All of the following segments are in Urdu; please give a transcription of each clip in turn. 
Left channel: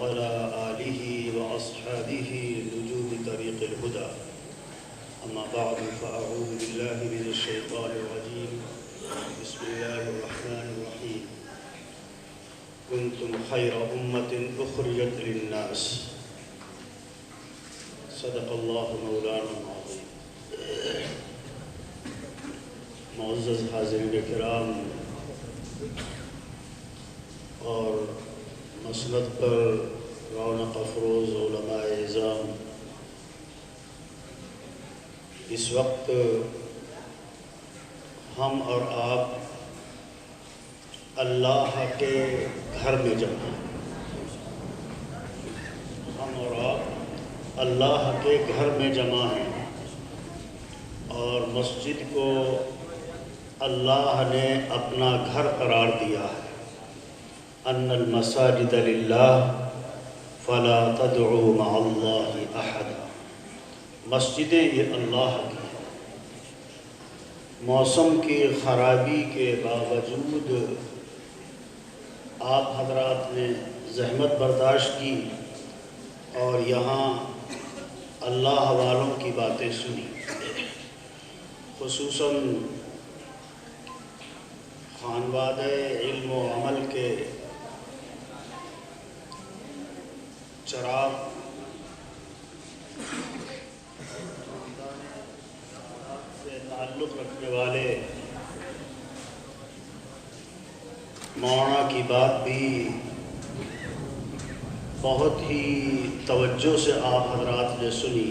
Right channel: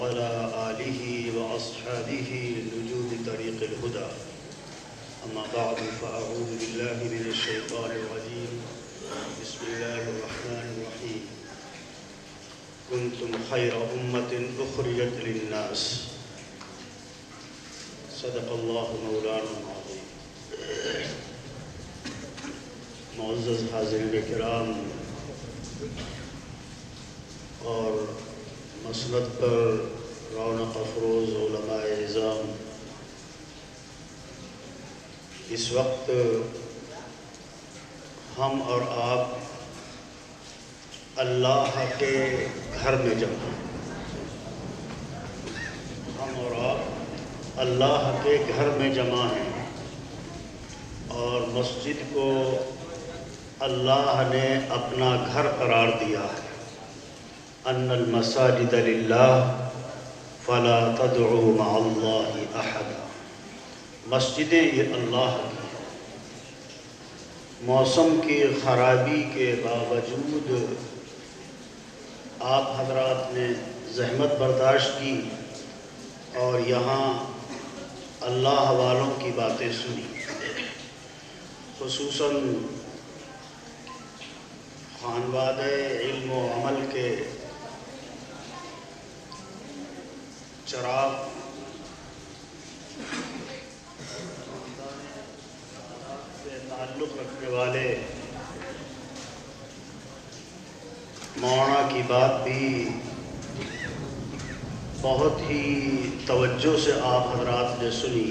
وعلى آله وأصحابه نجوم طريق الهدى. أما بعد فأعوذ بالله من الشيطان الرجيم. بسم الله الرحمن الرحيم. كنتم خير أمة أخرجت للناس. صدق الله مولانا العظيم. معزز حاضرین کرام اور مسند پر رونق افروز علماء اعظام، اس وقت ہم اور آپ اللہ کے گھر میں جمع ہیں. ہم اور آپ اللہ کے گھر میں جمع ہیں اور مسجد کو اللہ نے اپنا گھر قرار دیا ہے. ان المساجد للہ فلا تدعوا مع اللہ احدا. مسجدیں یہ اللہ کی. موسم کی خرابی کے باوجود آپ حضرات نے زحمت برداشت کی اور یہاں اللہ والوں کی باتیں سنی. خصوصاً خانواد علم و عمل کے چراغ سے تعلق رکھنے والے مولانا کی بات بھی بہت ہی توجہ سے آپ حضرات نے سنی.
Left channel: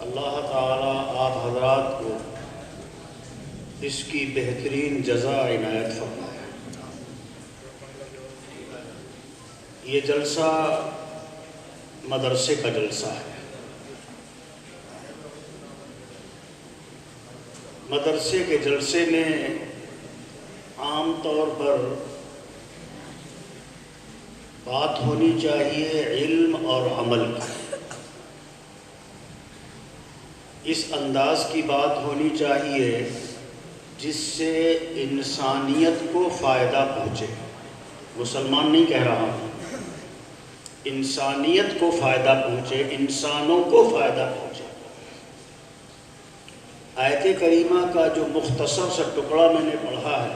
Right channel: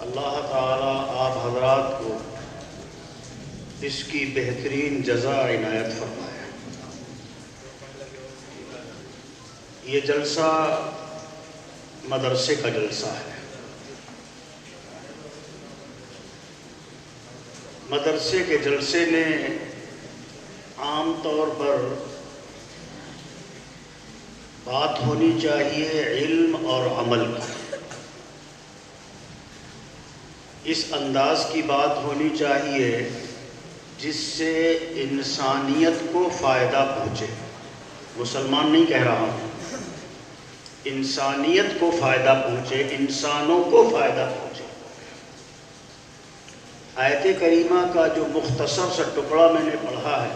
اللہ تعالیٰ آپ حضرات کو اس کی بہترین جزا عنایت فرمائے. یہ جلسہ مدرسے کا جلسہ ہے. مدرسے کے جلسے میں عام طور پر بات ہونی چاہیے علم اور عمل. اس انداز کی بات ہونی چاہیے جس سے انسانیت کو فائدہ پہنچے. مسلمان نہیں کہہ رہا ہوں، انسانیت کو فائدہ پہنچے، انسانوں کو فائدہ پہنچے. آیت کریمہ کا جو مختصر سا ٹکڑا میں نے پڑھا ہے،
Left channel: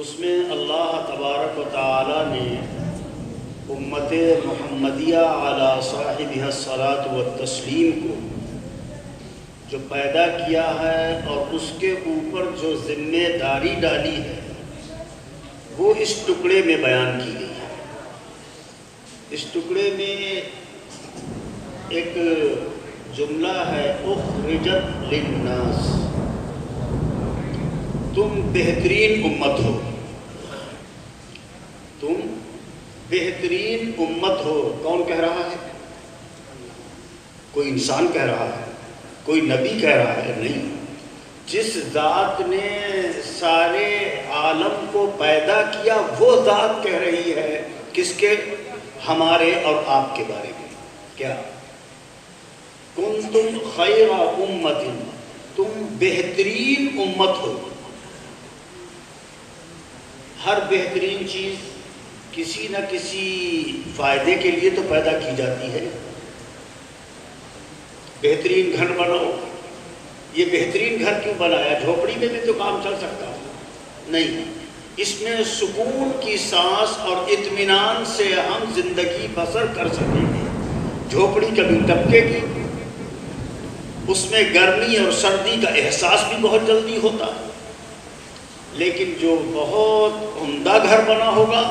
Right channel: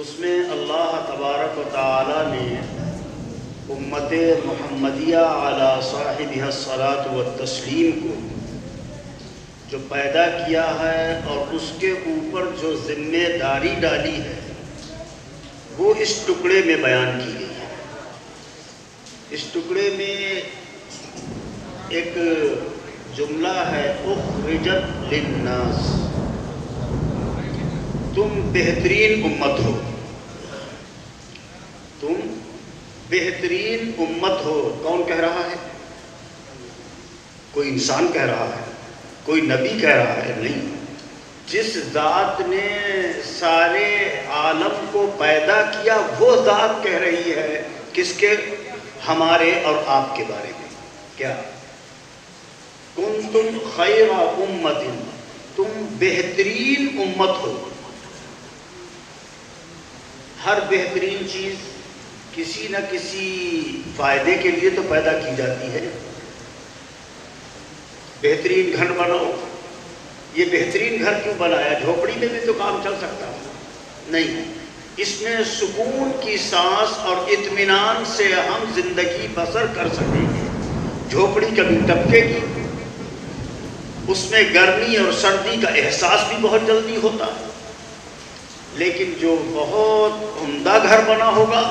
اس میں اللہ تبارک و تعالی نے امت محمدیہ علی صاحبہ الصلاۃ والتسلیم کو جو پیدا کیا ہے اور اس کے اوپر جو ذمہ داری ڈالی ہے وہ اس ٹکڑے میں بیان کی گئی ہے. اس ٹکڑے میں ایک جملہ ہے اخرجت للناس. تم بہترین امت ہو. تم بہترین امت ہو. کون کہہ رہا ہے؟ کوئی انسان کہہ رہا ہے؟ کوئی نبی کہہ رہا ہے؟ نہیں. جس ذات نے سارے عالم کو پیدا کیا وہ ذات کہہ رہی ہے. کس کے؟ ہمارے اور آپ کے بارے میں. کیا؟ کنتم خیر امت. تم بہترین امت ہو. ہر بہترین چیز کسی نہ کسی فائدے کے لیے تو پیدا کی جاتی ہے. بہترین گھر بناؤ. یہ بہترین گھر کیوں بنایا؟ جھوپڑی میں بھی تو کام چل سکتا ہے. نہیں، اس میں سکون کی سانس اور اطمینان سے ہم زندگی بسر کر سکیں. جھوپڑی کبھی ٹپکے گی، اس میں گرمی اور سردی کا احساس بھی بہت جلدی ہوتا ہے. لیکن جو بہت عمدہ گھر بنا ہوگا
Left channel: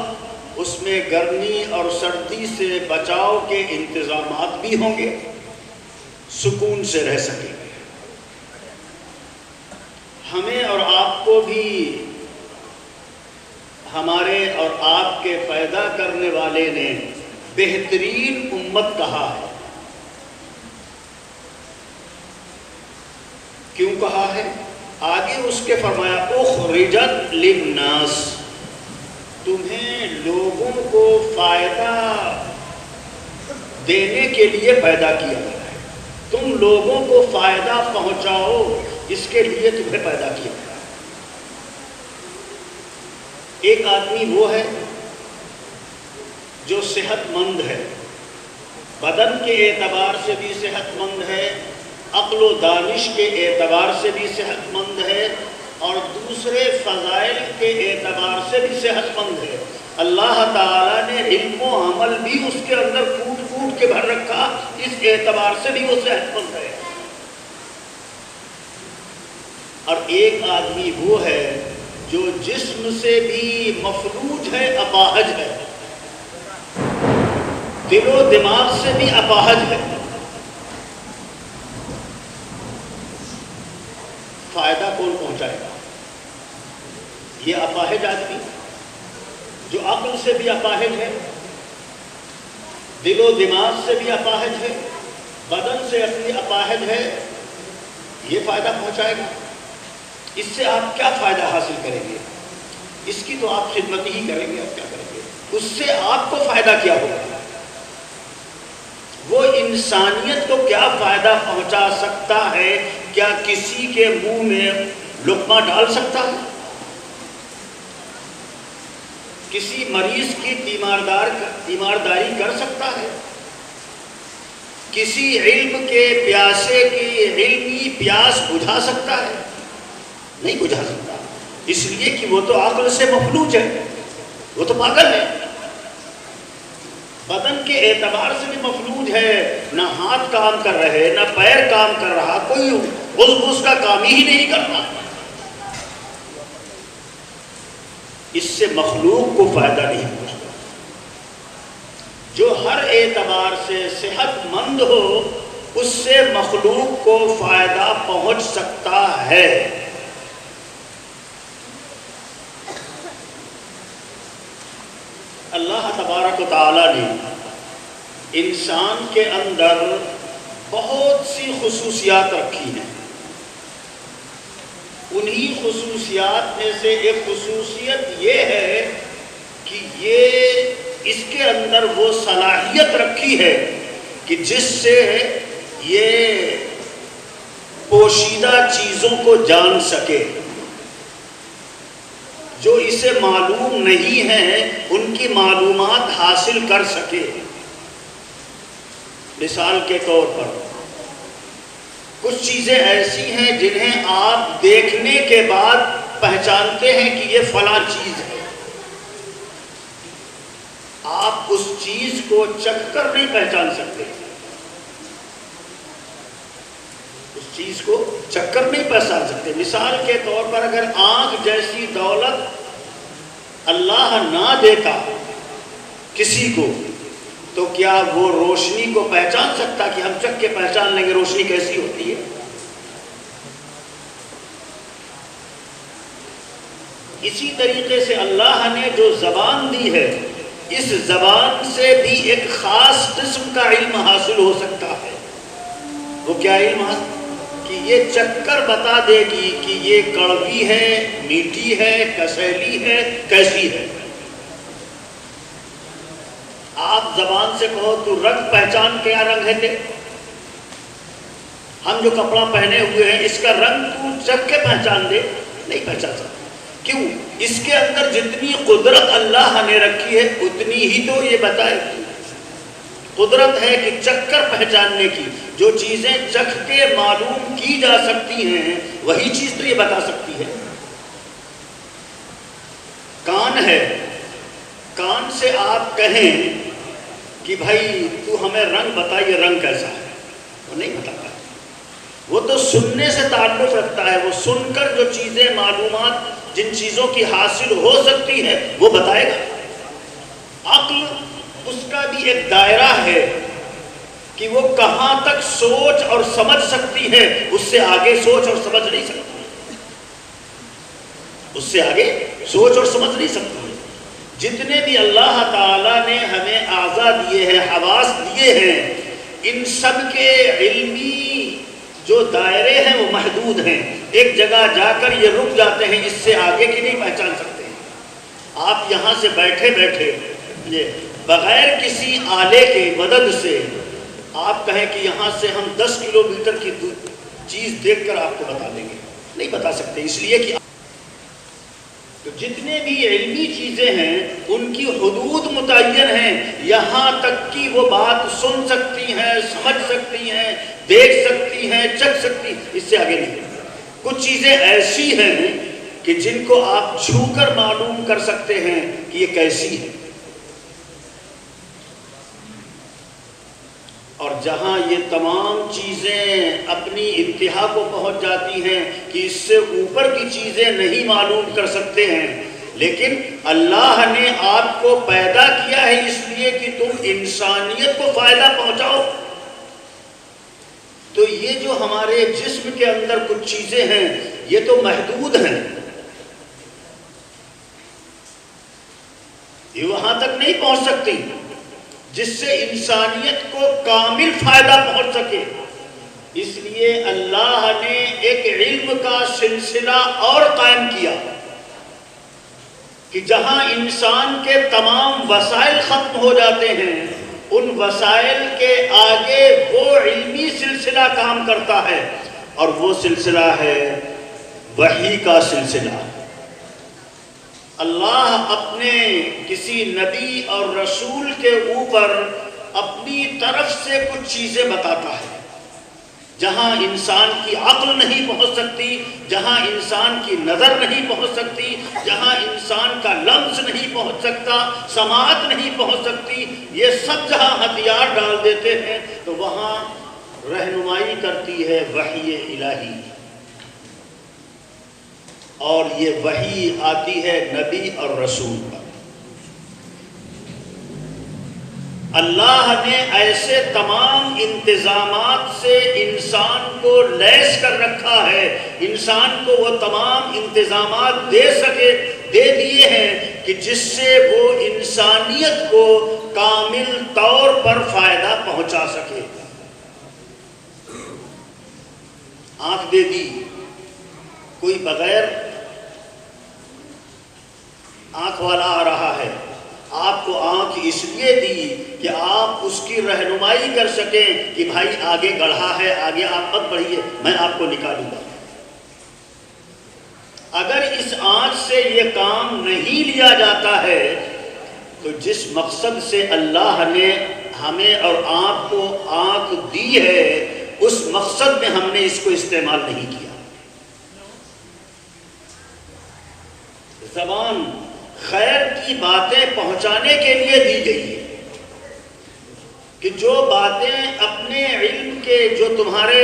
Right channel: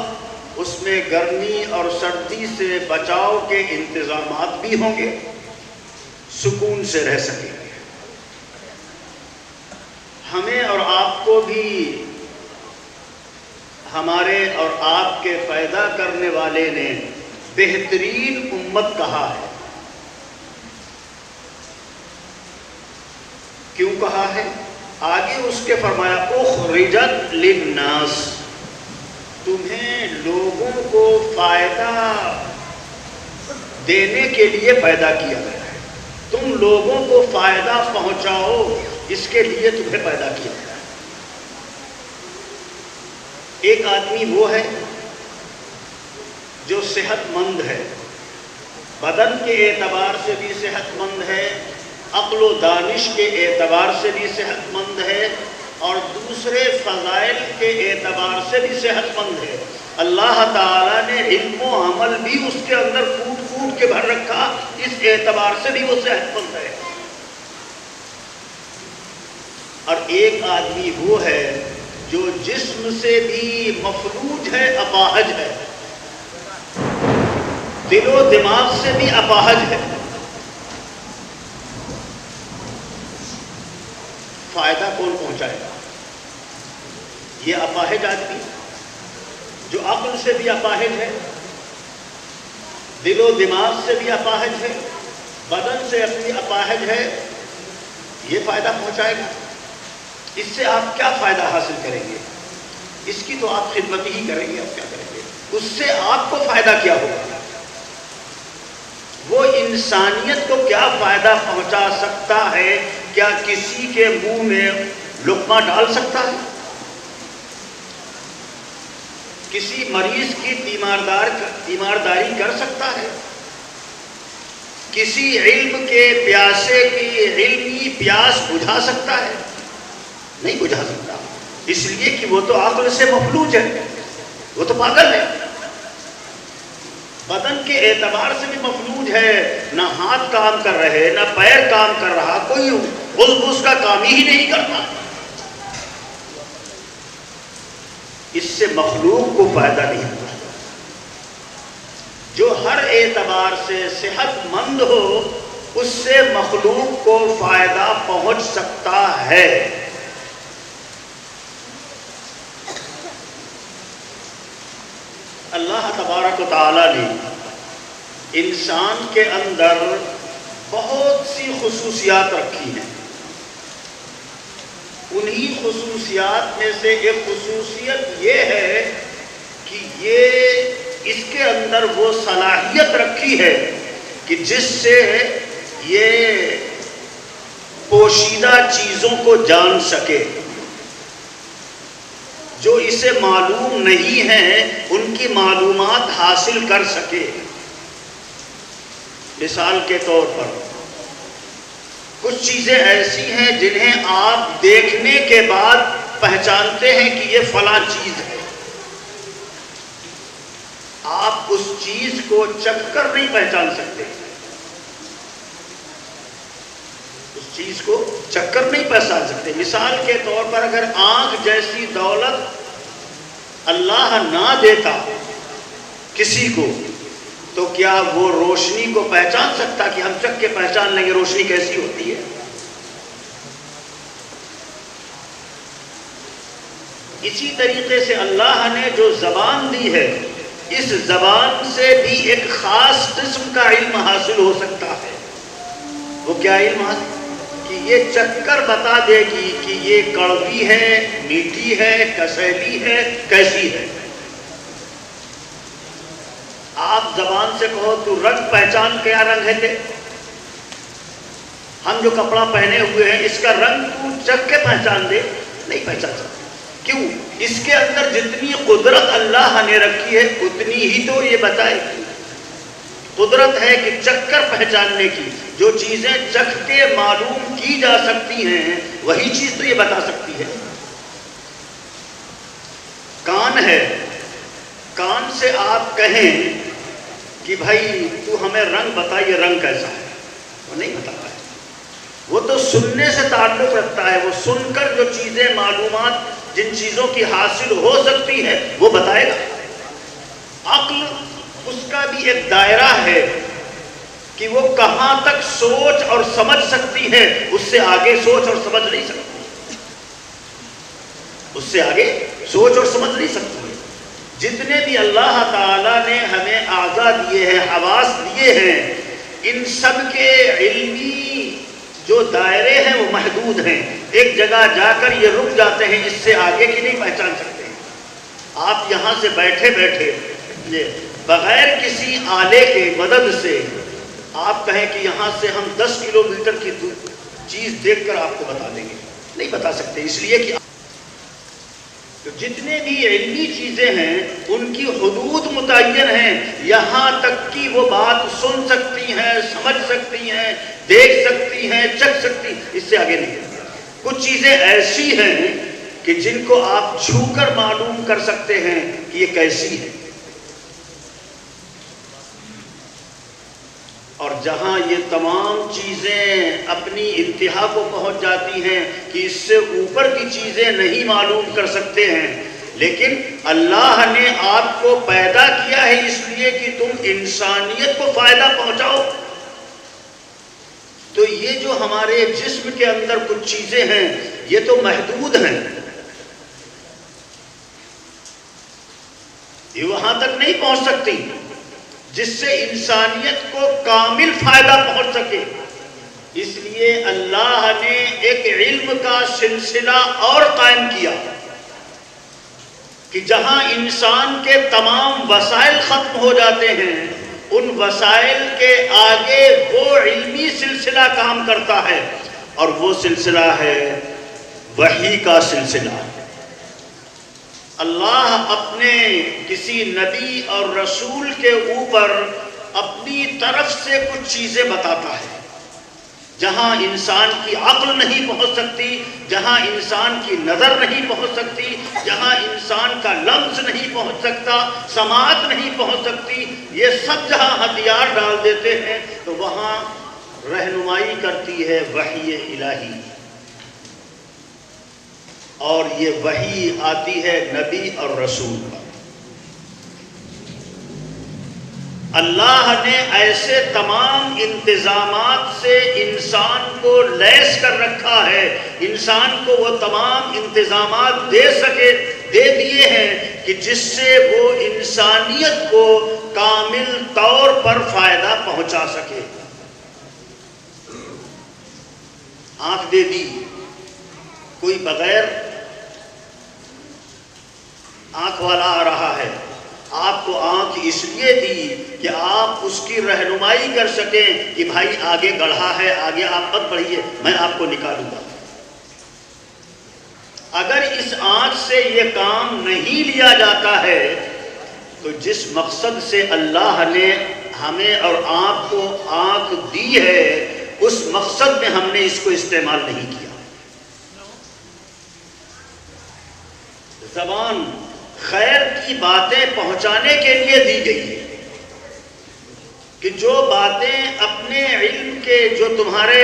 اس میں گرمی اور سردی سے بچاؤ کے انتظامات بھی ہوں گے، سکون سے رہ سکیں. ہمیں اور آپ کو بھی ہمارے اور آپ کے پیدا کرنے والے نے بہترین امت کہا ہے. کیوں کہا ہے؟ آگے اس کے فرمایا اخرجت للناس. تمہیں لوگوں کو فائدہ دینے کے لیے پیدا کیا گیا ہے. تم لوگوں کو فائدہ پہنچاؤ، اس کے لیے تمہیں پیدا کیا گیا ہے. ایک آدمی وہ ہے جو صحت مند ہے، بدن کے اعتبار سے بھی صحت مند ہے، عقل و دانش کے اعتبار سے بھی صحت مند ہے، اور دوسرے فضائل کے اعتبار سے بھی صحت مند ہے۔ اللہ تعالیٰ نے علم و عمل بھی اس کے اندر پھوٹ پھوٹ کے بھر رکھا، اس اعتبار سے بھی وہ صحت مند ہے۔ اور ایک آدمی وہ ہے جو جسم سے بھی مفلوج ہے، اپاہج ہے، دل و دماغ سے بھی اپاہج ہے۔ فائدہ کون پہنچائے گا؟ یہ اپاہج آدمی جو عقل سے بھی اپاہج ہے، دل و دماغ سے بھی اپاہج ہے، بدن سے اپنی اپاہج ہے، یہ فائدہ پہنچائے گا؟ اس سے آپ کیا فائدہ حاصل کریں گے؟ اس کی تو آپ خدمت ہی کریں گے، آپ کیا کریں گے؟ اس سے آپ کو فائدہ کیا ہوگا؟ وہ انسانیت کو کیا فائدہ پہنچا سکتا ہے؟ کیا کسی کے منہ میں لقمہ ڈال سکتا ہے؟ کسی مریض کی تیمارداری کر سکتا ہے؟ کسی علم کے پیاسے کی علمی پیاس بجھا سکتا ہے؟ نہیں بجھا سکتا، اس لیے کہ وہ تو عقل سے مفلوج ہے، وہ تو پاگل ہے، بدن کے اعتبار سے بھی مفلوج ہے، نہ ہاتھ کام کر رہے، نہ پیر کام کر رہا، کوئی اس کا کام ہی نہیں کرنا۔ اس سے مخلوق کو فائدہ نہیں پہنچتا۔ جو ہر اعتبار سے صحت مند ہو، اس سے مخلوق کو فائدہ پہنچ سکتا ہے۔ اللہ تبارک و تعالیٰ نے انسان کے اندر بہت سی خصوصیات رکھی ہیں۔ انہی خصوصیات میں سے ایک خصوصیت یہ ہے کہ یہ اس کے اندر وہ صلاحیت رکھی ہے کہ جس سے یہ پوشیدہ چیزوں کو جان سکے، جو اسے معلوم نہیں ہیں ان کی معلومات حاصل کر سکے۔ مثال کے طور پر کچھ چیزیں ایسی ہیں جنہیں آپ دیکھنے کے بعد پہچانتے ہیں کہ یہ فلاں چیز ہے، آپ اس چیز کو چکھ کر نہیں پہچان سکتے، اس چیز کو چکھ کر نہیں پہچان سکتے۔ مثال کے طور پر اگر آنکھ جیسی دولت اللہ نہ دیتا کسی کو، تو کیا وہ روشنی کو پہچان سکتا کہ ہم چکھ کے پہچان لیں گے روشنی کیسی ہوتی ہے؟ اسی طریقے سے اللہ نے جو زبان دی ہے، اس زبان سے بھی ایک خاص قسم کا علم حاصل ہو سکتا ہے۔ وہ کیا علم حاصل؟ کہ یہ چکھ کر بتا دے گی کہ یہ کڑوی ہے، میٹھی ہے، کسیلی ہے، کیسی ہے۔ آپ زبان سے کہو تو رنگ پہچان، کیا رنگ ہے یہ؟ ہم جو کپڑا پہنے ہوئے ہیں اس کا رنگ تو چکھ کے پہچان دے، نہیں پہچان سکتے۔ کیوں؟ اس کے اندر جتنی قدرت اللہ نے رکھی ہے اتنی ہی تو یہ بتائے گی۔ قدرت ہے کہ چکھ کر پہچاننے کی، جو چیزیں چکھ کے معلوم کی جا سکتی ہیں وہی چیز تو یہ بتا سکتی ہے۔ کان ہے، کان سے آپ کہیں کہ بھائی تو ہمیں رنگ بتا، یہ رنگ کیسا ہے، وہ نہیں بتا رہا ہے، وہ تو سننے سے تعلق رکھتا ہے، وہ سن کر جو چیزیں معلومات جن چیزوں کی حاصل ہو سکتی ہے وہ بتائے گا۔ عقل اس کا بھی ایک دائرہ ہے کہ وہ کہاں تک سوچ اور سمجھ سکتی ہے، اس سے آگے سوچ اور سمجھ نہیں سکتی، اس سے آگے سوچ اور سمجھ نہیں سکتی۔ جتنے بھی اللہ تعالیٰ نے ہمیں اعضاء دیے ہیں، حواس دیے ہیں، ان سب کے علمی جو دائرے ہیں وہ محدود ہیں۔ ایک جگہ جا کر یہ رک جاتے ہیں، اس سے آگے کی نہیں پہچان سکتے۔ آپ یہاں سے بیٹھے بیٹھے بغیر کسی آلے کے مدد سے آپ کہیں کہ یہاں سے ہم 10 کلومیٹر کی چیز دیکھ کر آپ کو بتا دیں گے، نہیں بتا سکتے، اس لیے کہ جتنے بھی علمی چیزیں ہیں ان کی حدود متعین ہیں، یہاں تک کہ وہ بات سن سکتی ہیں، سمجھ سکتی ہیں، دیکھ سکتی ہیں، چکھ سکتی ہیں، اس سے آگے نہیں۔ کچھ چیزیں ایسی ہیں کہ جن کو آپ چھو کر معلوم کر سکتے ہیں کہ یہ کیسی ہے، اور جہاں یہ تمام چیزیں اپنی انتہا کو پہنچ جاتی ہیں کہ اس سے اوپر کی چیزیں نہیں معلوم کر سکتے ہیں، لیکن اللہ نے آپ کو پیدا کیا ہے اس لیے کہ تم انسانیت کو فائدہ پہنچاؤ۔ تو یہ جو ہمارے جسم کے اندر کچھ چیزیں ہیں یہ تو محدود ہیں، یہ وہاں تک نہیں پہنچ سکتی جس سے انسانیت کو کامل فائدہ پہنچ سکے۔ اس لیے اللہ نے ایک علم کا سلسلہ اور قائم کیا کہ جہاں انسان کے تمام وسائل ختم ہو جاتے ہیں، ان وسائل کے آگے وہ علمی سلسلہ کام کرتا ہے، اور وہ سلسلہ ہے وحی کا سلسلہ۔ اللہ اپنے کسی نبی اور رسول کے اوپر اپنی طرف سے کچھ چیزیں بتاتا ہے، جہاں انسان کی عقل نہیں پہنچ سکتی، جہاں انسان کی نظر نہیں پہنچ سکتی، جہاں انسان کا لمس نہیں پہنچ سکتا، سماعت نہیں پہنچ سکتی، یہ سب جہاں ہتھیار ڈال دیتے ہیں تو وہاں رہنمائی کرتی ہے وحی الہی، اور یہ وحی آتی ہے نبی اور رسول پر۔ اللہ نے ایسے تمام انتظامات سے انسان کو لیس کر رکھا ہے، انسان کو وہ تمام انتظامات دے دیے ہیں کہ جس سے وہ انسانیت کو کامل طور پر فائدہ پہنچا سکے۔ آنکھ دے دی، کوئی بغیر آنکھ والا آ رہا ہے، آپ کو آنکھ اس لیے دی کہ آپ اس کی رہنمائی کر سکیں کہ بھائی آگے گڑھا ہے، آگے آپ مت بڑھیے، میں آپ کو نکالوں گا۔ اگر اس آنکھ سے یہ کام نہیں لیا جاتا ہے تو جس مقصد سے اللہ نے ہمیں اور آپ کو آنکھ دی ہے اس مقصد میں ہم نے اس کو استعمال نہیں کیا۔ زبان خیر کی باتیں پہنچانے کے لیے دی گئی ہے کہ جو باتیں اپنے علم کے، جو تمہارے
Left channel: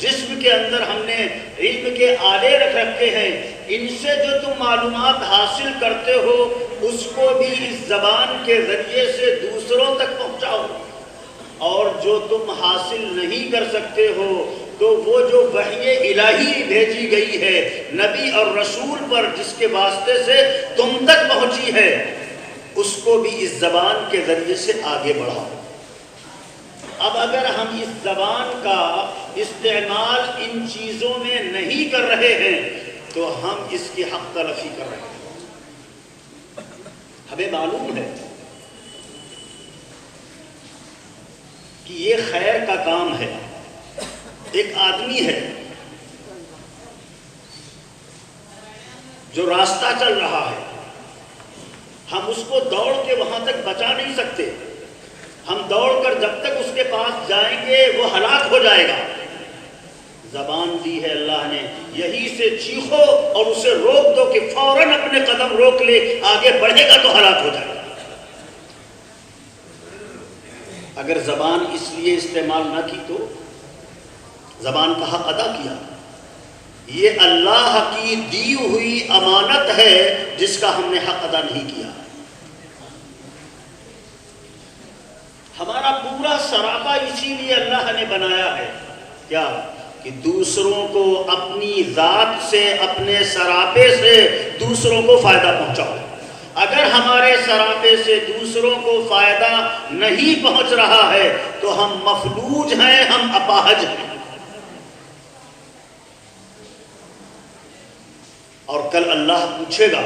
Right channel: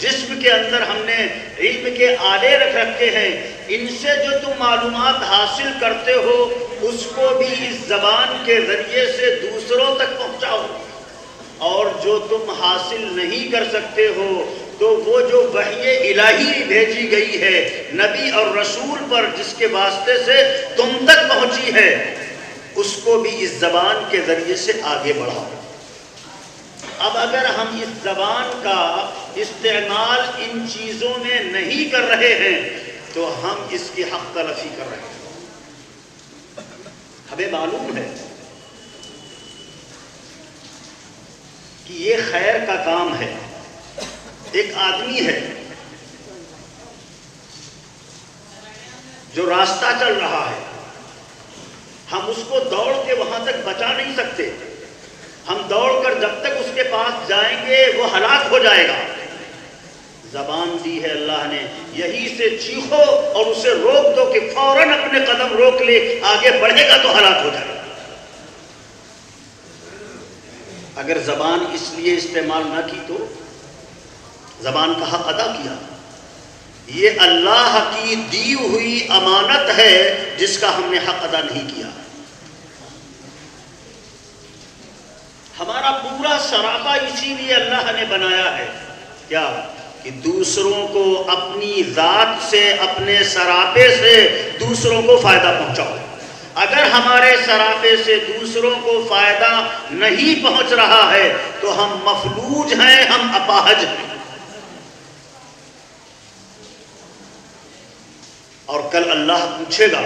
جسم کے اندر ہم نے علم کے آلے رکھ رکھے ہیں، ان سے جو تم معلومات حاصل کرتے ہو اس کو بھی اس زبان کے ذریعے سے دوسروں تک پہنچاؤ، اور جو تم حاصل نہیں کر سکتے ہو تو وہ جو وحی الہی بھیجی گئی ہے نبی اور رسول پر، جس کے واسطے سے تم تک پہنچی ہے، اس کو بھی اس زبان کے ذریعے سے آگے بڑھاؤ۔ اب اگر ہم اس زبان کا استعمال ان چیزوں میں نہیں کر رہے ہیں تو ہم اس کی حق تلفی کر رہے ہیں۔ ہمیں معلوم ہے کہ یہ خیر کا کام ہے۔ ایک آدمی ہے جو راستہ چل رہا ہے، ہم اس کو دوڑ کے وہاں تک بچا نہیں سکتے، ہم دوڑ کر جب تک اس کے پاس جائیں گے وہ ہلاک ہو جائے گا۔ زبان دی ہے اللہ نے، یہی سے چیخو اور اسے روک دو کہ فوراً اپنے قدم روک لے، آگے بڑھے گا تو ہلاک ہو جائے گا۔ اگر زبان اس لیے استعمال نہ کی تو زبان کا حق ادا کیا۔ یہ اللہ کی دی ہوئی امانت ہے جس کا ہم نے حق ادا نہیں کیا۔ ہمارا پورا سراپا اسی لیے اللہ نے بنایا ہے، کیا کہ دوسروں کو اپنی ذات سے، اپنے سراپے سے دوسروں کو فائدہ پہنچاؤ۔ اگر ہمارے سراپے سے دوسروں کو فائدہ نہیں پہنچ رہا ہے تو ہم مفلوج ہیں، ہم اپاہج ہیں۔ اور کل اللہ پوچھے گا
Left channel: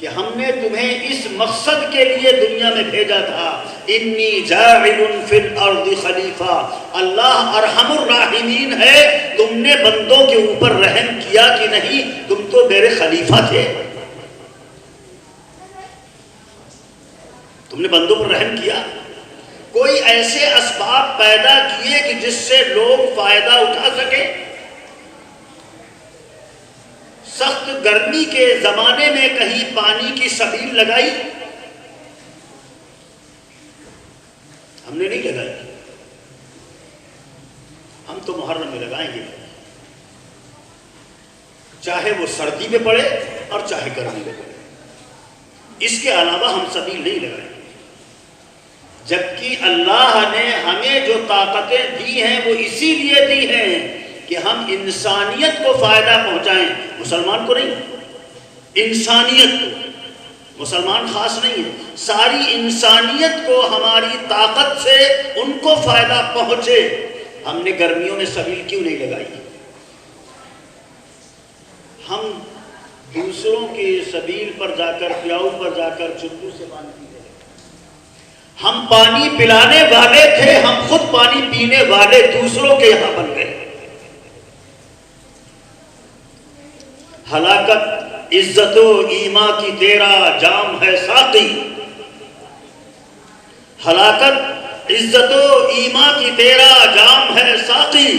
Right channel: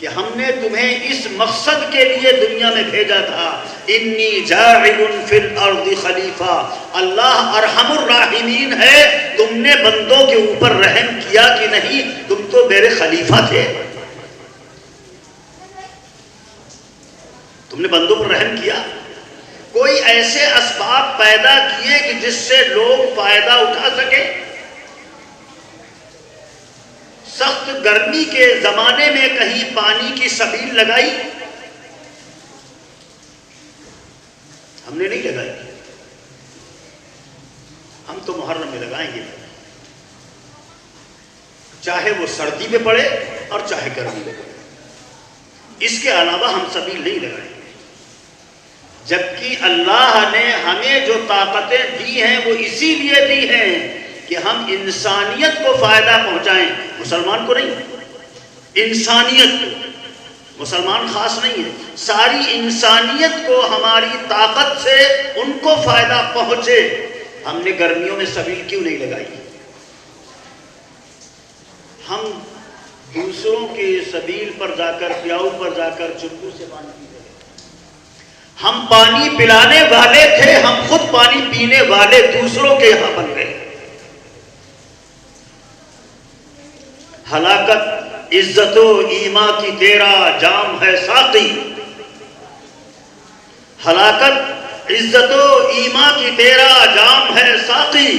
کہ ہم نے تمہیں اس مقصد کے لیے دنیا میں بھیجا تھا، انی جاعل فی الارض خلیفہ، اللہ ارحم الراحمین ہے، تم نے بندوں کے اوپر رحم کیا کہ نہیں؟ تم تو میرے خلیفہ تھے۔ تم نے بندوں پر رحم کیا، کوئی ایسے اسباب پیدا کیے کہ جس سے لوگ فائدہ اٹھا سکے. سخت گرمی کے زمانے میں کہیں پانی کی سبیل لگائی؟ ہم نے نہیں لگائی. ہم تو محرم میں لگائیں گے، چاہے وہ سردی میں پڑے اور چاہے گرمی میں پڑے. اس کے علاوہ ہم سبیل نہیں لگائیں گے. جبکہ اللہ نے ہمیں جو طاقتیں دی ہیں وہ اسی لیے دی ہیں کہ ہم انسانیت کو فائدہ پہنچائیں. مسلمان کو نہیں، انسانیت کو. مسلمان خاص نہیں ہے، ساری انسانیت کو ہماری طاقت سے ان کو فائدہ پہنچے. ہم نے گرمیوں میں سبیل کیوں نہیں لگائی؟ ہم دوسروں کے سبیل پر جا کر، پیاؤ پر جا کر چپو سے پانی پیتے. ہم پانی پلانے والے تھے، ہم خود پانی پینے والے دوسروں کے یہاں بن گئے. ہلاکت عزت و ایمان کی تیرا جام ہے ساقی. ہلاکت عزت و ایمان کی تیرا جام ہے ساقی،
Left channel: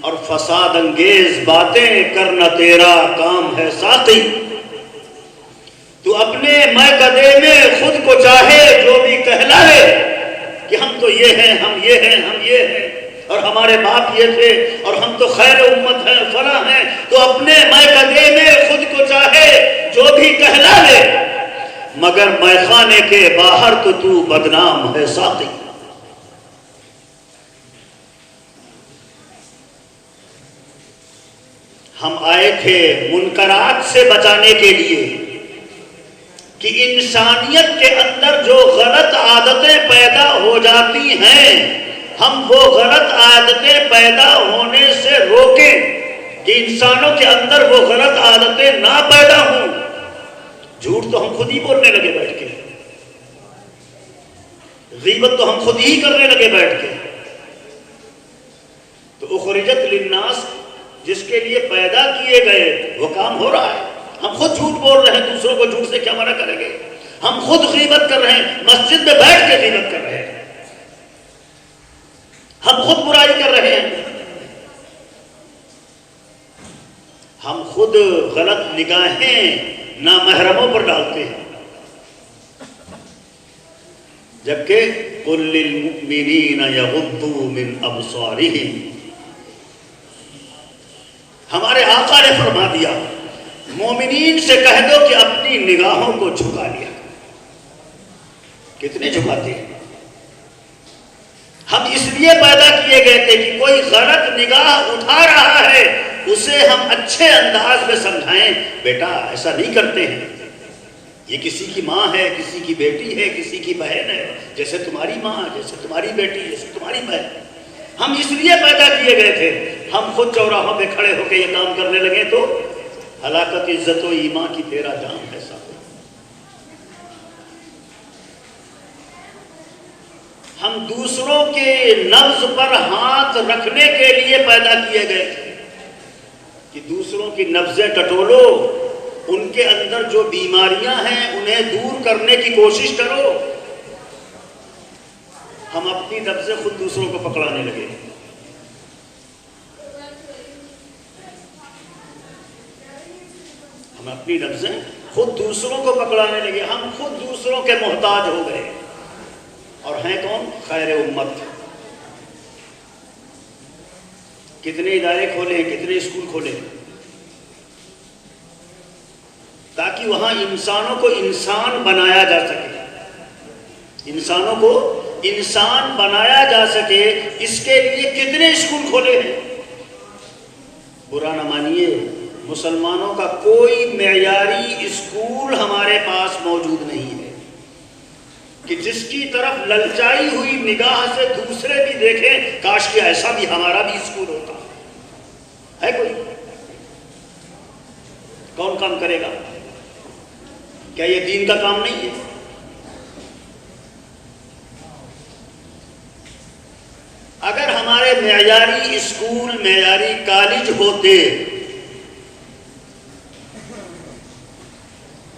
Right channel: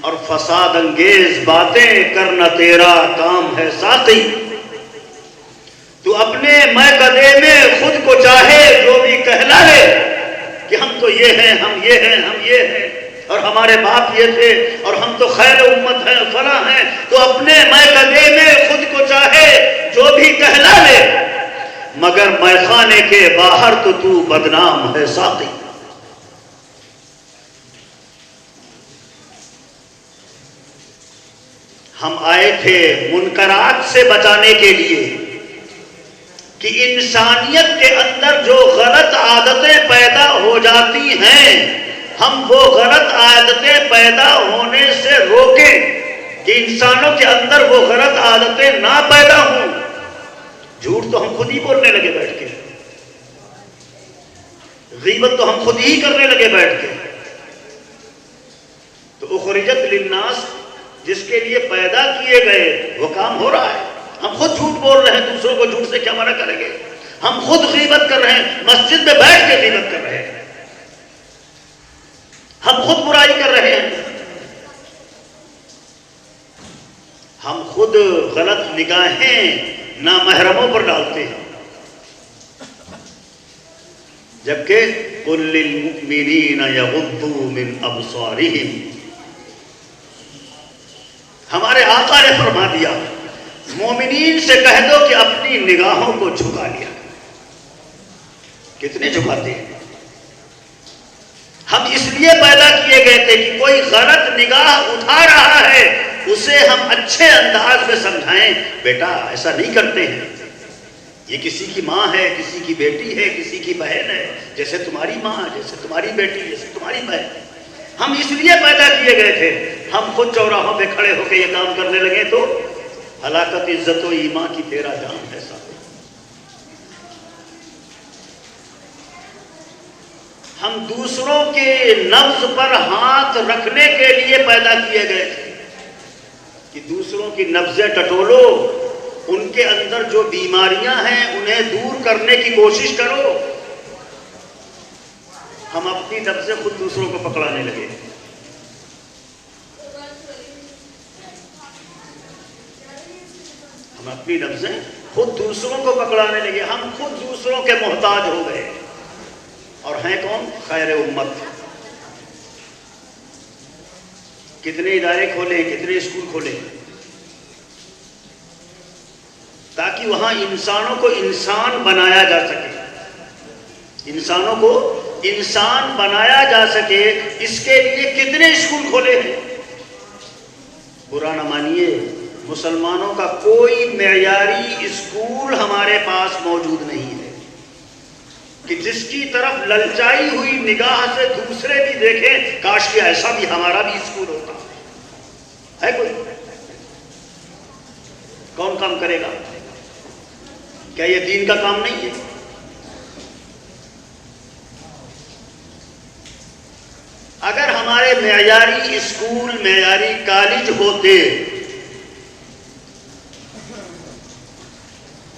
اور فساد انگیز باتیں کرنا تیرا کام ہے ساقی. تو اپنے میکدے میں خود کو چاہے جو بھی کہلائے کہ ہم تو یہ ہیں، ہم یہ ہیں، ہم یہ ہیں، اور ہمارے باپ یہ تھے، اور ہم تو خیر امت ہیں، فلاں ہیں. تو اپنے میکدے میں خود کو چاہے جو بھی کہلا لے، مگر میخانے کے باہر تو بدنام ہے ساقی. ہم آئے تھے منکرات سے بچانے کے لیے کہ انسانیت کے اندر جو غلط عادتیں پیدا ہو جاتی ہیں ہم وہ غلط عادتیں پیدا ہونے سے روکیں کہ انسانوں کے اندر وہ غلط عادتیں نہ پیدا ہوں. جھوٹ تو ہم خود ہی بولنے لگے بیٹھ کے، غیبت تو ہم خود ہی کرنے لگے بیٹھ کے. تو اخرجت للناس جس کے لیے پیدا کیے گئے وہ کام ہو رہا ہے. ہم خود جھوٹ بول رہے ہیں، دوسروں کو جھوٹ سے کیا منع کریں گے؟ ہم خود غیبت کر رہے ہیں، مسجد میں بیٹھ کے غیبت کر رہے ہیں، ہم خود برائی کر رہے ہیں، ہم خود غلط نگاہیں نامحرموں پر ڈالتے ہیں. جبکہ قُل لِّلْمُؤْمِنِينَ يَغُضُّوا مِنْ أَبْصَارِهِمْ، ہمارے آقا نے فرما دیا مومنین سے کہہ دو کہ اپنی نگاہوں کو جھکا لیا. کتنے جھکاتے ہیں؟ ہم اس لیے پیدا کیے گئے تھے کہ کوئی غلط نگاہ اٹھا رہا ہے اسے ہم اچھے انداز میں سمجھائیں، بیٹا ایسا نہیں کرتے ہیں، یہ کسی کی ماں ہے، کسی کی بیٹی ہے، کسی کی بہن ہے، جیسے تمہاری ماں، جیسے تمہاری بیٹی، جیسے تمہاری بہن. ہم اس لیے پیدا کیے گئے تھے. ہم خود چوراہوں پہ کھڑے ہو کے یہ کام کرنے لگے تو ہلاکت عزت و ایمان کی تیرا جام ہے ساتھ. ہم دوسروں کے نبض پر ہاتھ رکھنے کے لیے پیدا کیے گئے تھے کہ دوسروں کی نبضیں ٹٹولو، ان کے اندر جو بیماریاں ہیں انہیں دور کرنے کی کوشش کرو. ہم اپنی نبضیں خود دوسروں کو پکڑانے لگے. ہم اپنی نبضیں خود دوسروں کو پکڑانے لگے. ہم خود دوسروں کے محتاج ہو گئے. اور ہیں کون؟ خیر امت. کتنے ادارے کھولے، کتنے اسکول کھولے تاکہ وہاں انسانوں کو انسان بنایا جا سکے، انسانوں کو انسان بنایا جا سکے. اس کے لیے کتنے اسکول کھولے ہیں. برا نہ مانیے، مسلمانوں کا کوئی معیاری اسکول ہمارے پاس موجود نہیں ہے کہ جس کی طرف للچائی ہوئی نگاہ سے دوسرے کی دیکھیں کاش کہ ایسا بھی ہمارا بھی اسکول ہوتا. ہے کوئی؟ کون کام کرے گا؟ کیا یہ دین کا کام نہیں ہے؟ اگر ہمارے معیاری اسکول، معیاری کالج ہوتے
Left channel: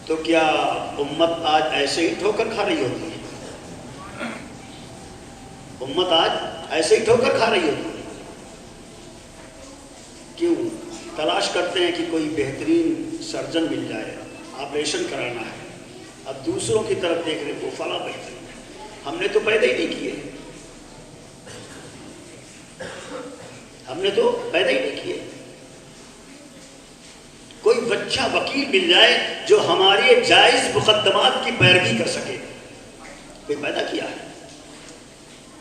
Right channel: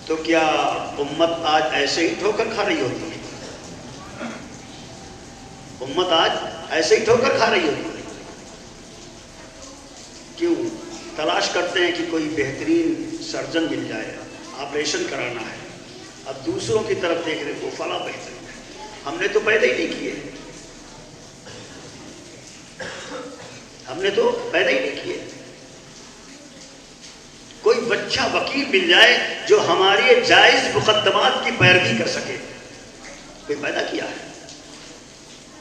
تو کیا امت آج ایسے ہی ٹھوکر کھا رہی ہوتی ہے؟ امت آج ایسے ہی ٹھوکر کھا رہی ہوتی ہے. کیوں؟ تلاش کرتے ہیں کہ کوئی بہترین سرجن مل جائے، آپریشن کرانا ہے، اب دوسروں کی طرف دیکھ رہے وہ فلاں بہتر. ہم نے تو پہلے ہی نہیں کیے، ہم نے تو پہلے ہی نہیں کیے. کوئی بچہ وکیل مل جائے جو ہماری جائز مقدمات کی پیروی کر سکے، کوئی پیدا کیا ہے.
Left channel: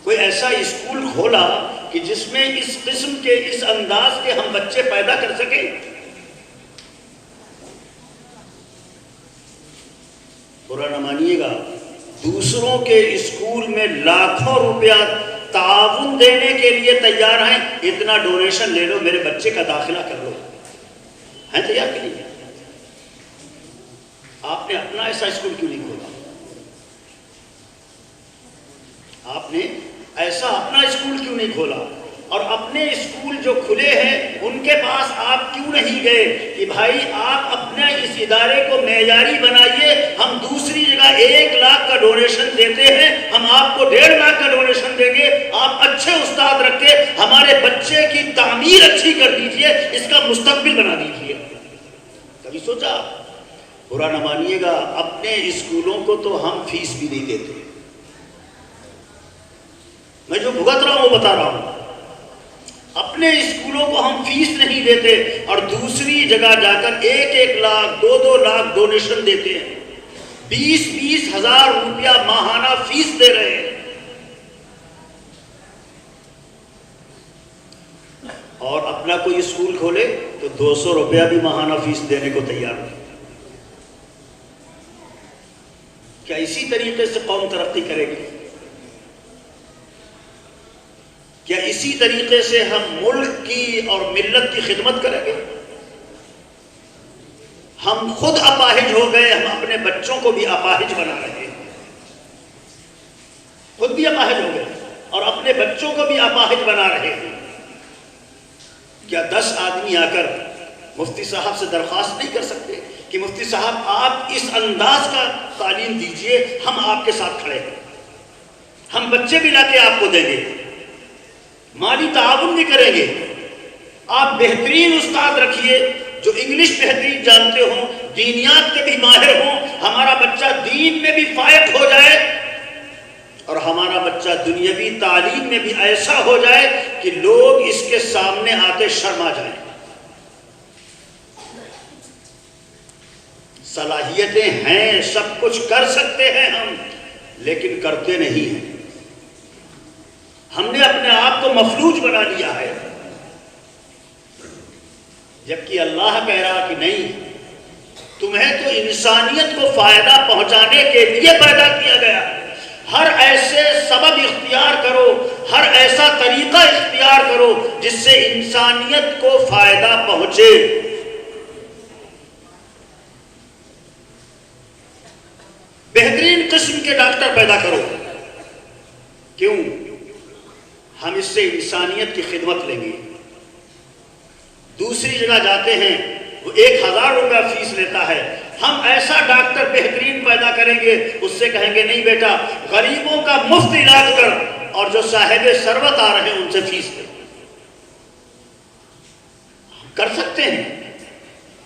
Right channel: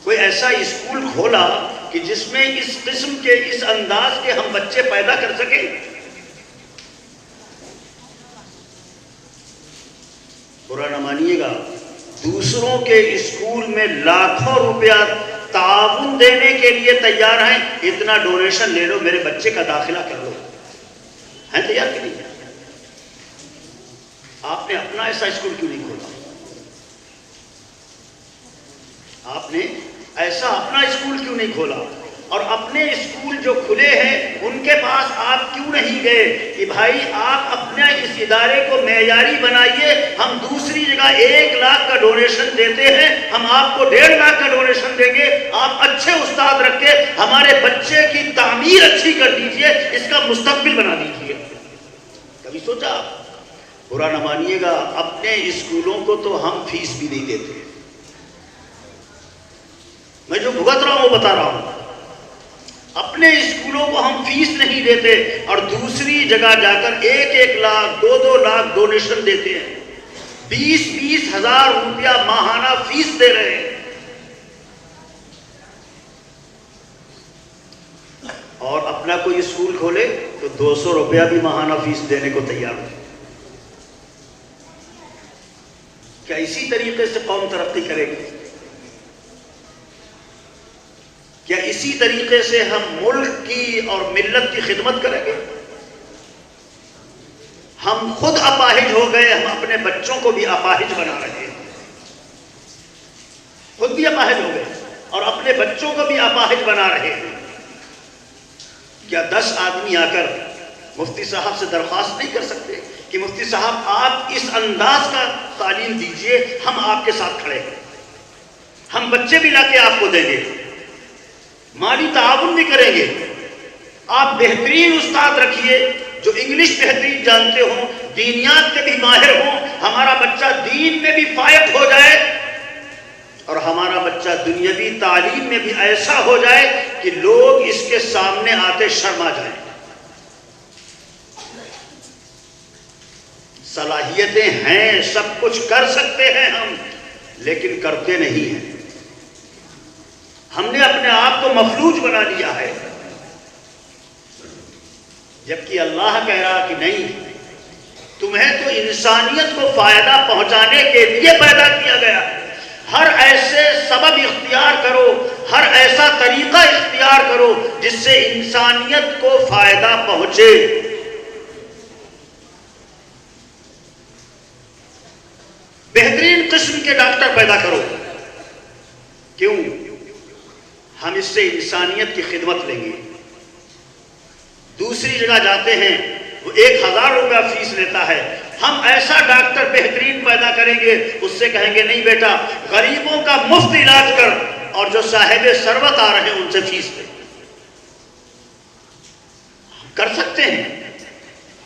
کوئی ایسا اسکول کھولا کہ جس میں اس قسم کے اس انداز کے ہم بچے پیدا کر سکیں. برا نہ مانیے گا، دوسروں کے اسکول میں لاکھوں روپیہ تعاون دینے کے لیے تیار ہیں. اتنا ڈونیشن لے لو، میرے بچے کا داخلہ کر لو، ہیں تیار کہ نہیں؟ آپ نے اپنا ایسا اسکول کیوں نہیں کھولا؟ آپ نے ایسا اپنا اسکول کیوں نہیں کھولا؟ اور اپنے اسکول جو کھلے ہیں ان کے پاس آپ کیوں نہیں گئے کہ بھائی آپ اپنے اس ادارے کو معیاری بنائیے، ہم دوسری جگہ 1 لاکھ کا ڈونیشن دیتے ہیں، ہم آپ کو 1.5 لاکھ کا ڈونیشن دیں گے، آپ اچھے استاد رکھ کے ہمارے بچے کی تعمیر اچھی کر دیجئے، اس کا مستقبل بنا دیجئے. کبھی سوچا؟ برا نہ مانیے گا، اپنے اسکولوں کو تو ہم فیس بھی نہیں دیتے. میں جو بھگت رہا ہوں وہ بتا رہا ہوں. اپنے اسکولوں کو ہم فیس نہیں دیتے اور دوسری جگہ جا کر 1-1 لاکھ 2-2 لاکھ ڈونیشن دیتے ہیں، 20-20 ہزار روپیہ ماہانہ فیس دے رہے ہیں. اور اپنا کوئی اسکول کھولے تو 200 روپیہ بھی ماہانہ فیس دینے کو تیار ہے. کیا اسی طریقے سے قوم ترقی کرے گی؟ کیا اسی طریقے سے ہم ملک کی اور ملت کی خدمت کریں گے؟ ہم خود اپاہج ہو گئے، ہم اپنے بچوں کو بھی اپاہج بنا رہے ہیں. خود بھی اپاہج ہو گئے اور اپنے بچوں کو بھی اپاہج بنا رہے ہیں. کیا 10 آدمی آ کر مفتی صاحب سے درخواست نہیں کر سکتے کہ مفتی صاحب آپ اس انداز کا تعلیم دیجئے، ہم آپ کے ساتھ کھڑے ہیں، ہم بچے بھی لا کے آپ کو دیں گے، مالی تعاون بھی کریں گے، آپ بہترین استاد رکھیے جو انگلش بہترین جانتے ہوں، دینیات میں بھی ماہر ہوں، ہمارا بچہ دین میں بھی فائق ہو جائے اور ہمارا بچہ دنیاوی تعلیم میں بھی ایسا ہو جائے کہ لوگ اس کے سامنے آتے شرما جائیں. صلاحیتیں ہیں، سب کچھ کر سکتے ہیں ہم، لیکن کرتے نہیں ہیں. ہم نے اپنے آپ کو مفلوج بنا لیا ہے، جبکہ اللہ کہہ رہا کہ نہیں، تمہیں تو انسانیت کو فائدہ پہنچانے کے لیے پیدا کیا گیا ہے. ہر ایسے سبب اختیار کرو، ہر ایسا طریقہ اختیار کرو جس سے انسانیت کو فائدہ پہنچے. بہترین قسم کے ڈاکٹر پیدا کرو. کیوں؟ ہم اس سے انسانیت کی خدمت لیں گے. دوسری جگہ جاتے ہیں وہ 1000 روپیہ فیس لیتا ہے، ہم ایسا ڈاکٹر بہترین پیدا کریں گے، اس سے کہیں گے نہیں بیٹا غریبوں کا مفت علاج کر، اور جو صاحب ثروت آ رہے ہیں ان سے فیس لے. کر سکتے ہیں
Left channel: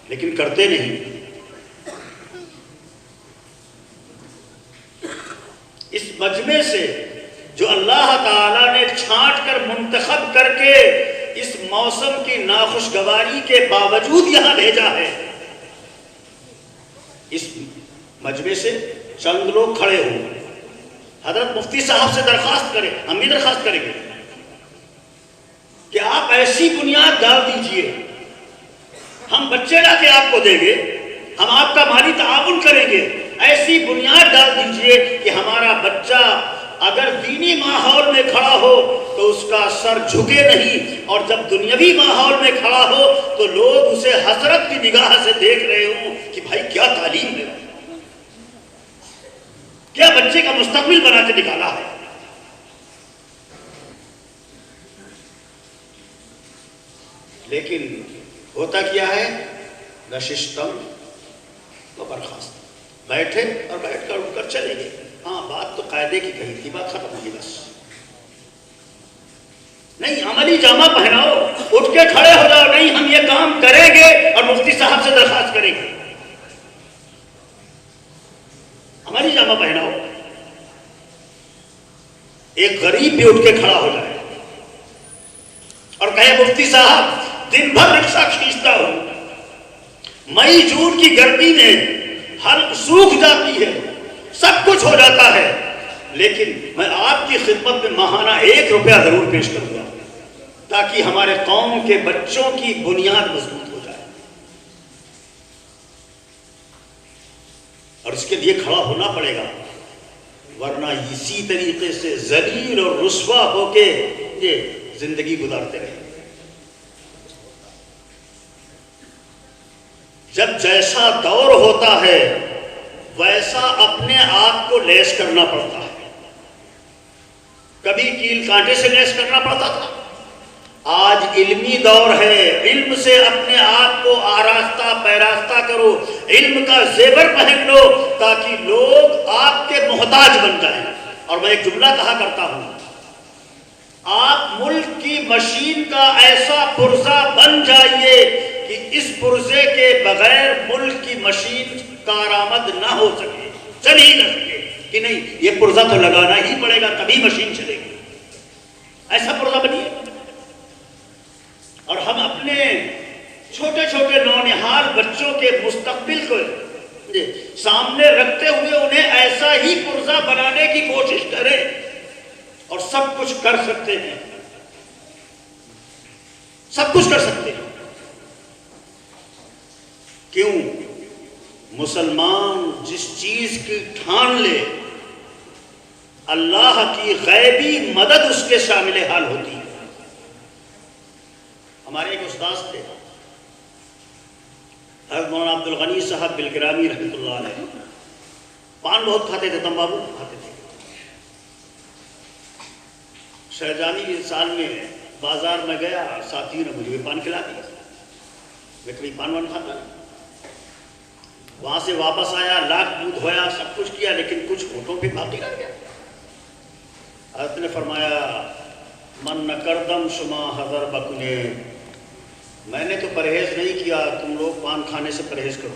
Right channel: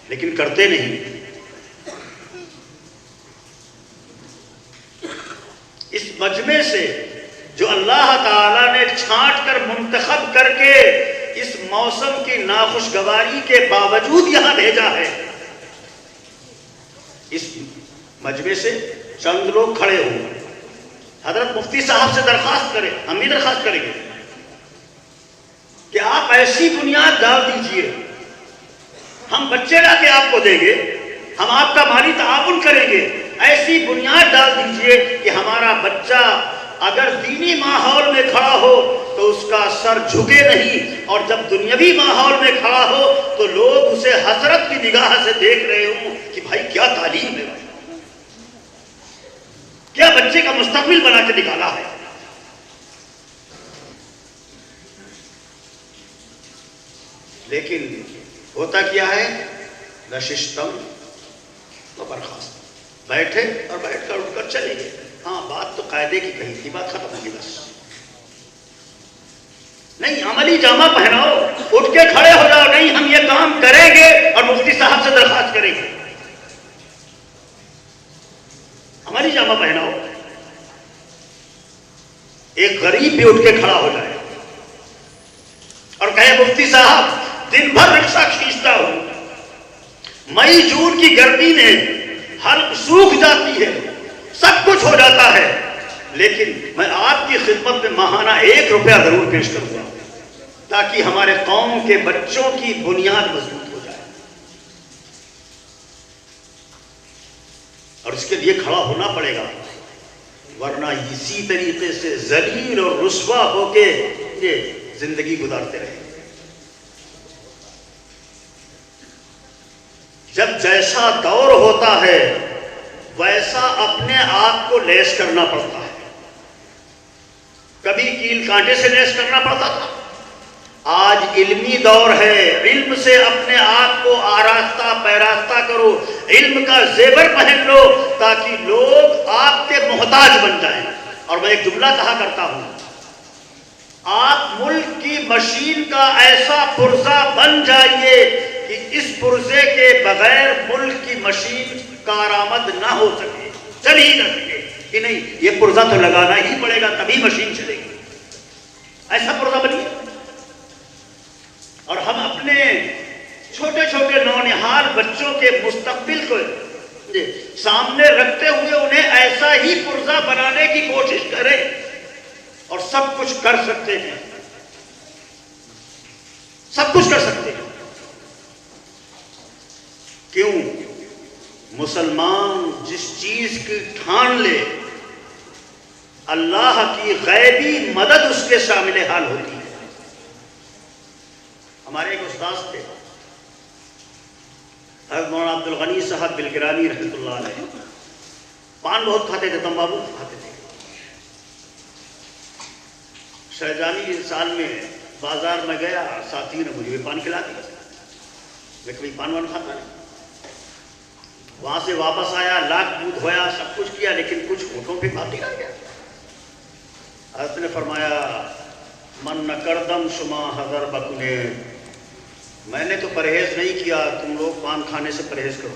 لیکن کرتے نہیں. اس مجمع سے جو اللہ تعالیٰ نے چھانٹ کر منتخب کر کے اس موسم کی ناخوشگواری کے باوجود یہاں بھیجا ہے، اس مجمع سے چند لوگ کھڑے ہوں، حضرت مفتی صاحب سے درخواست کریں، ہم بھی درخواست کریں گے کہ آپ ایسی بنیاد ڈال دیجئے، ہم بچے لا کے آپ کو دیں گے، ہم آپ کا مالی تعاون کریں گے، ایسی بنیاد ڈال دیجئے کہ ہمارا بچہ اگر دینی ماحول میں کھڑا ہو تو اس کا سر جھکے نہیں، اور جب دنیاوی ماحول میں کھڑا ہو تو لوگ اسے حسرت کی نگاہ سے دیکھ رہے ہوں کہ بھائی کیا تعلیم ہے، کیا بچے کا مستقبل بنا کے نکالا ہے. لیکن ہوتا کیا ہے؟ نشستم و برخاست، بیٹھے اور بیٹھ کر اٹھ کر چلے گئے. ہاں بات تو قاعدے کی کہی تھی، بات ختم ہوگی بس. نہیں، عملی جامہ پہناؤ، اٹھ کے کھڑے ہو جاؤ، نہیں ہم یہ کام کریں گے اور مفتی صاحب سے درخواست کریں گے. عملی جامہ پہناؤ. ایک غریب بھی اٹھ کے کھڑا ہو جائے اور کہے مفتی صاحب دن بھر رکشہ کھینچتا ہوں، مئی جون کی گرمی میں حلق سوکھ جاتی ہے، سب کچھ ہو جاتا ہے، لیکن میں آپ کی خدمت میں ماہانہ 1 روپیہ ضرور پیش کروں گا تاکہ ہمارے قوم کے بچوں کی بنیاد مضبوط ہو جائے. اور اس کے لیے کھڑا ہونا پڑے گا، ورنہ اسی طریقے سے ذلیل اور رسوا ہو کے یہ زندگی گزارتے رہے. جب جیسا دور ہوتا ہے ویسا اپنے آپ کو لیس کرنا پڑتا ہے. کبھی کیل کانٹے سے لیس کرنا پڑتا تھا، آج علمی دور ہے، علم سے اپنے آپ کو آراستہ پیراستہ کرو، علم کا زیور پہن لو تاکہ لوگ آپ کے محتاج بن جائیں. اور میں ایک جملہ کہا کرتا ہوں، آپ ملک کی مشین کا ایسا پرزہ بن جائیے کہ اس پرزے کے بغیر ملک کی مشین کارآمد نہ ہو سکے، چل ہی نہ سکے کہ نہیں یہ پرزہ تو لگانا ہی پڑے گا تبھی مشین چلے گی. ایسا پرزہ بنیے. اور ہم اپنے چھوٹے چھوٹے نونہال بچوں کے مستقبل کو سامنے رکھتے ہوئے انہیں ایسا ہی پرزہ بنانے کی کوشش کریں، اور سب کچھ کر سکتے ہیں، سب کچھ کر سکتے ہیں. کیوں؟ مسلمان جس چیز کی ٹھان لے اللہ کی غیبی مدد اس کے شامل حال ہوتی ہے. ہمارے ایک استاد تھے حضرت مولانا عبد الغنی صاحب بالگرامی رحمۃ اللہ علیہ. پان بہت کھاتے تھے، تمباکو کھاتے تھے. شہجانی سال میں بازار میں گیا، ساتھی نے مجھے پان کھلا دیا، میں کبھی پان وان کھاتا نہیں. وہاں سے واپس آیا، لاکھ دودھ ہویا، سب کچھ کیا، لیکن کچھ ہونٹوں پہ بات نہیں آ گیا. حضرت نے فرمایا من نہ کردم شما حضر بکنے، میں نے تو پرہیز نہیں کیا، تم لوگ پان کھانے سے پرہیز کرو.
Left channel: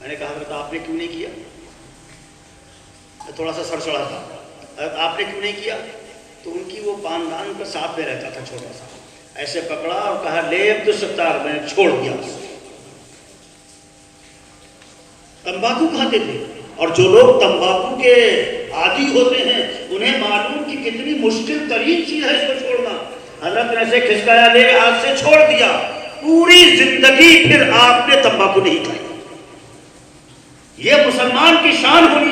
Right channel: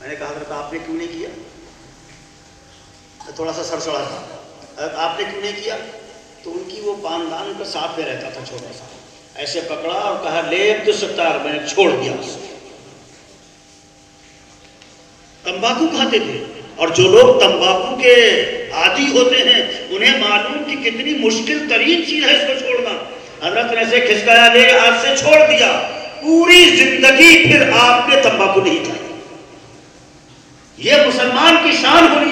میں نے کہا حضرت آپ نے کیوں نہیں کیا؟ تھوڑا سا سر چڑھا تھا. حضرت آپ نے کیوں نہیں کیا؟ تو ان کی وہ پاندان کا ساتھ میں رہتا تھا چھوٹا سا، ایسے پکڑا اور کہا لے عبد الستار، میں نے چھوڑ دیا اس کو. تمباکو کھاتے تھے، اور جو لوگ تمباکو کے عادی ہوتے ہیں انہیں معلوم کہ کتنی مشکل ترین چیز ہے اس کو چھوڑنا. حضرت نے ایسے کھسکایا، لے آج سے چھوڑ دیا، پوری زندگی پھر آپ نے تمباکو نہیں کھائی. یہ مسلمان کی شان ہونی